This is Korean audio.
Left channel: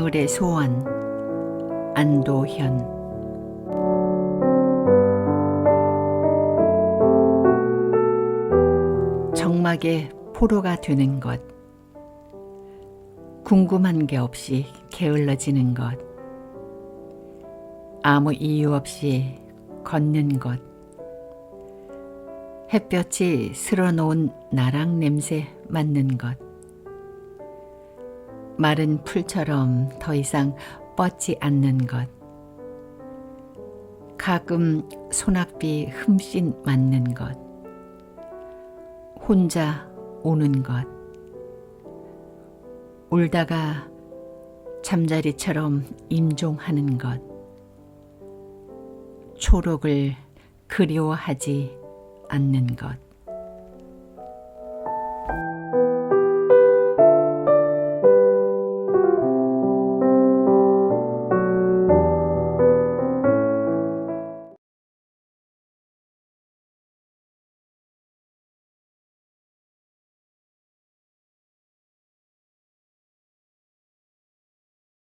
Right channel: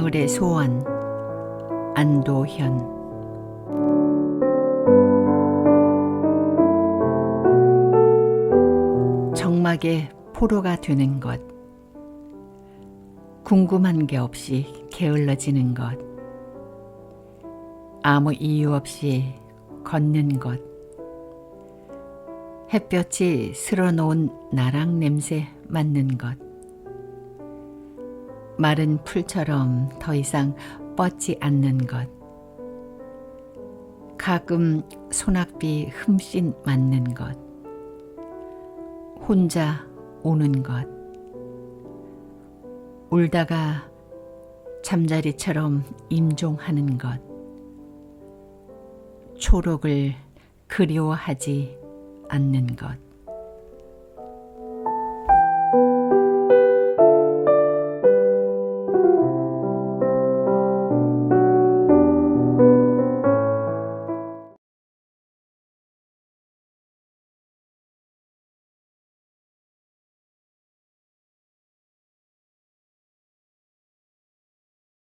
가을의 소원 안도현. 정막의 포로가 되는 것 궁금한 게 없이 게을러지는 것 아무 이유 없이 걷는 것 햇볕이 쓸어놓은 나랑 냄새 맡는 것 마른 풀처럼 더 이상 뻗지 않는 것. 가끔 소낙비 흠씬 맞는 것. 혼자 오는 것. 울다가 잠자리처럼 임종하는 것. 초록을 그리워하지 않는 것